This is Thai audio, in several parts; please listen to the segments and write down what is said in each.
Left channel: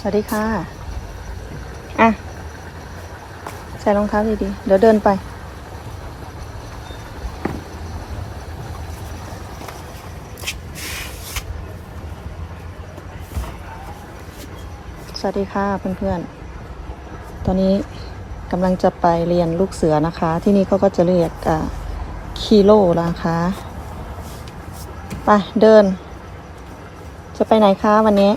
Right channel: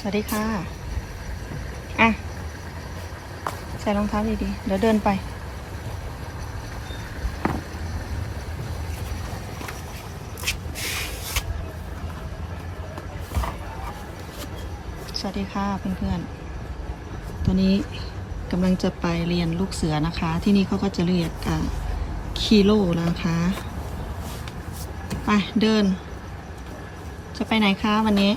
สวัสดีค่ะ อะ ใส่รองเท้าดีๆ เดี๋ยวเดินไป สวัสดีค่ะเพื่อนๆ ตอนนี้กำลังจะไปเรียนลูกเสือนะคะ ที่นี่เขาก็จะเรียกอ่าคีโลนะคะ ไปเดิน จะไปไหนคะวันนี้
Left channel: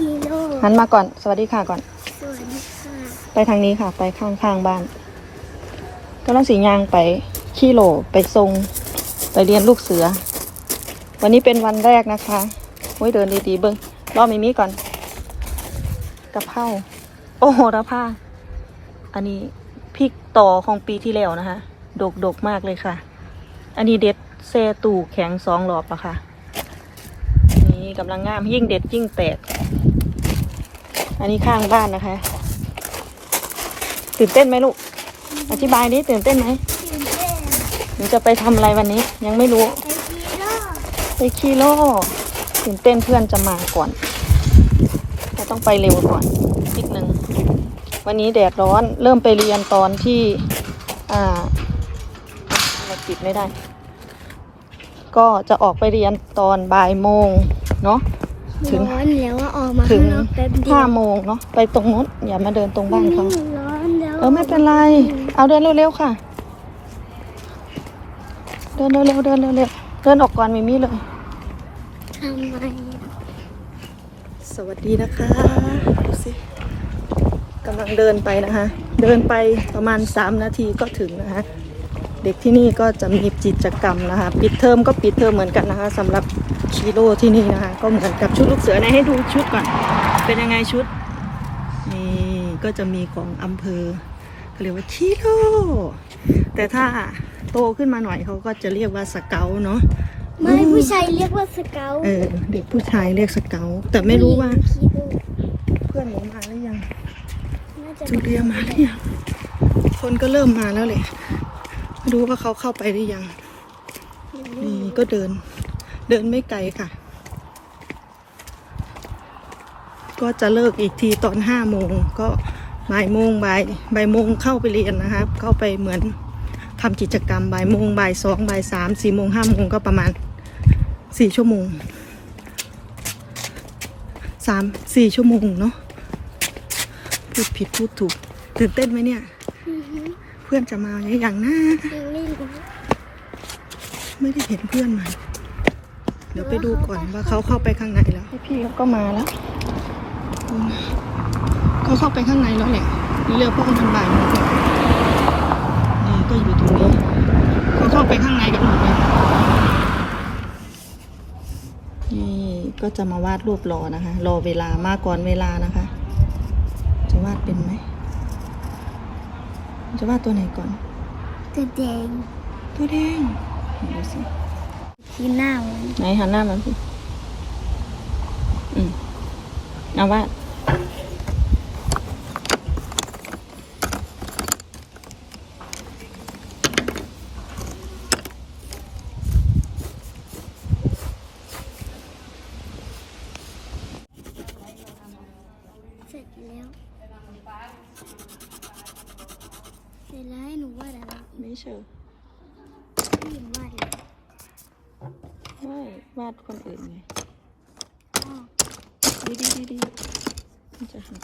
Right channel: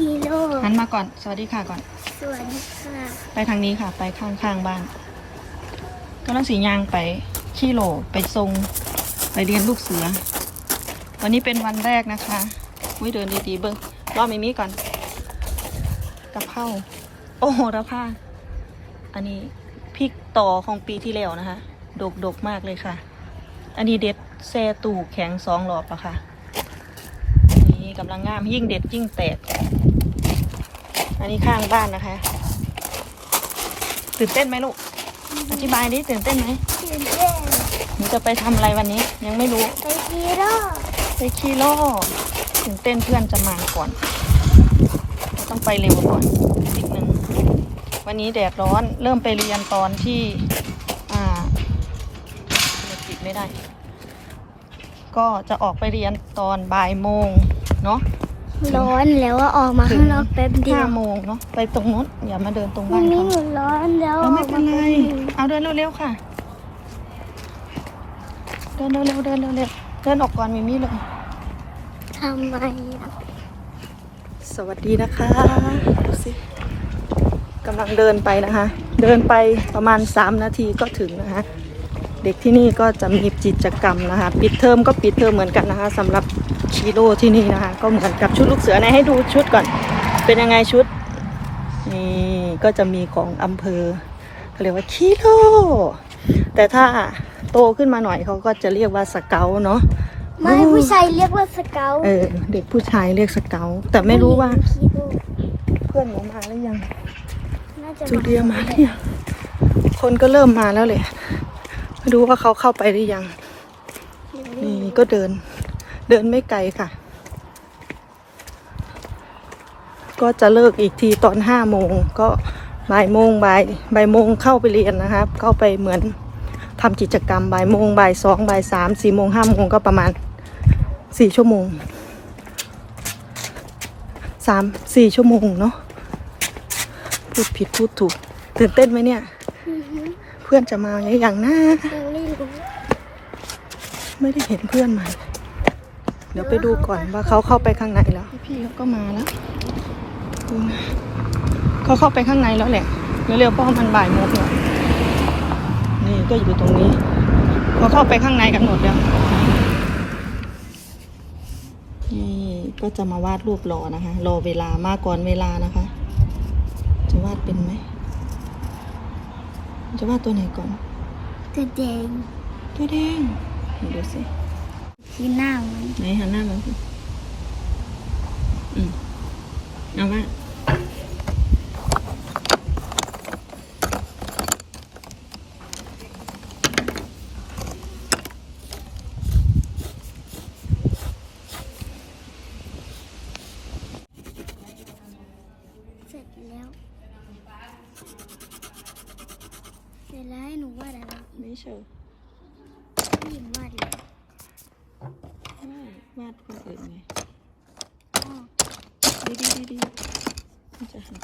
ฮีโร่หันมาก่อน สวัสดีค่ะก่อน สวัสดีค่ะ ไปทางนี้ค่ะ ไปข้างๆบ้านกำลังสียางไปขี้โหลไปทรง ไปเรียนลูกเสือ วันนี้เป็นวันแรกนะคะโอ้ยเดินดีๆเบิ้งรอมิมิก่อนกระเพราโอ้โหระพาอันนี้พริกต่อของปีที่แล้วนะคะ ดกดกๆมากเลยค่ะ อันนี้เด็ดเซตู่แข็งสองหลอบอะค่ะ อันนี้กำลังงามยิ่งเด็ดยิ่งแตก อันนี้ข้างบ้านนะคะ ตื่นเต้นไหมลูก อธิบายดิตื่นเต้นไหมตื่นเต้นหนูจะไปทำอะไรวันนี้ ยังไม่รู้ไปฮีโร่ไปที่โลกตื่นเต้นเพื่อนจะมาก่อนเราต้องไปเร็วก่อนนิดนึงวันนี้แดดร้อนเริ่มไปเรียนตอนที่อ่าเราปิดไม่ได้ ก็จะออกไปเรียนตอนบ่ายโมงเนาะ ร้อนแล้วว่าออกมาข้างนอกแป๊บเดียห้าวโมงเนาะไปตรงนู้นอย่ามาเดินตรงมับ้านนไม่เขาหยุดร้อนแล้วเออไม่เป็นไร เอาเดินเร็วๆค่ะ เดินเร็วๆเดินเร็วๆเดินออกก่อนมิมี่เลยทำไมสวัสดีนะคะดูสิกำลังเดินไปนะคะ เดินไปประมาณ 3 นาทีก็ถึงนะคะ เด็กที่นี่ก็จะมีกิจกรรมนะคะ ปิดเทอมก็ปิดเทอมเหมือนกันนะคะสำหรับ คีโร่ที่นี่นะคะ ก็เหมือนกับชุดลูกเสือไหนให้ดูชุดก่อน เป็นยังไงชุด นี่ก็จะมีของอำเภอเขาเรียกว่าคีโร่แต่ถ้าโตขึ้นมาหน่อยเขาก็จะเรียกว่าสเกลเนาะไม่ผู้ชายเรียกว่าสเกลเออเด็กผู้ชายเรียกสเกลแต่ไม่รู้ว่าฮีโร่เพื่อนหนูมาหรือยังน่าจะจูเลียมาหรือยังคนก็เริ่มมาแล้วเลยไม่รู้ว่าเขาเข้าไปหรือยังนี่ก็เดิน เดินไม่ไกลค่ะ ก็จะเลิกอีกทีตอนห้าโมงก็บ่ายโมงบ่ายบ่ายโมงเข้าไปเรียนนะครับ เข้าไปเหมือนทำกิจกรรมบ่ายโมงบ่ายสองบ่ายสามสี่โมงห้าโมงก็ประมาณสี่ชั่วโมงสามสี่ชั่วโมงเนาะพูดผิดพูดถูก ตื่นเต้นไหมเนี่ยอือฮึเพื่อนจะมาอย่างหน้ายังไม่รู้ไม่ได้เห็นเพื่อนมา เดี๋ยวไปดูก่อนว่าเขาเข้าไปข้างในแล้ว พี่เขาก็มาแล้วดูนะเขาเข้าไปข้างในแล้วแหละเร็วๆเพราะว่ามันบ่ายโมงแล้วนี่ก็อยู่ตรงนี้ เขาเข้าไปข้างในกันหมดแล้วนี่ก็จะมาวาดรูปรอนะคะ รอเวลามาก่อนเวลานะคะ จะวาดเป็นไหม จะวาดตัวไหนก่อน ตัวแดง ตัวแดงไหนดูสิ ที่หน้ามัน ไหนหันหน้ามาสิอืมเอาว่าเสร็จแล้ว เสร็จแล้วให้หนูวาดอะไร ไม่เชื่อ พี่หญิงวาดเลย ไม่ วาดคนอื่นไงอ๋อดีดีดีดีมันจะหัก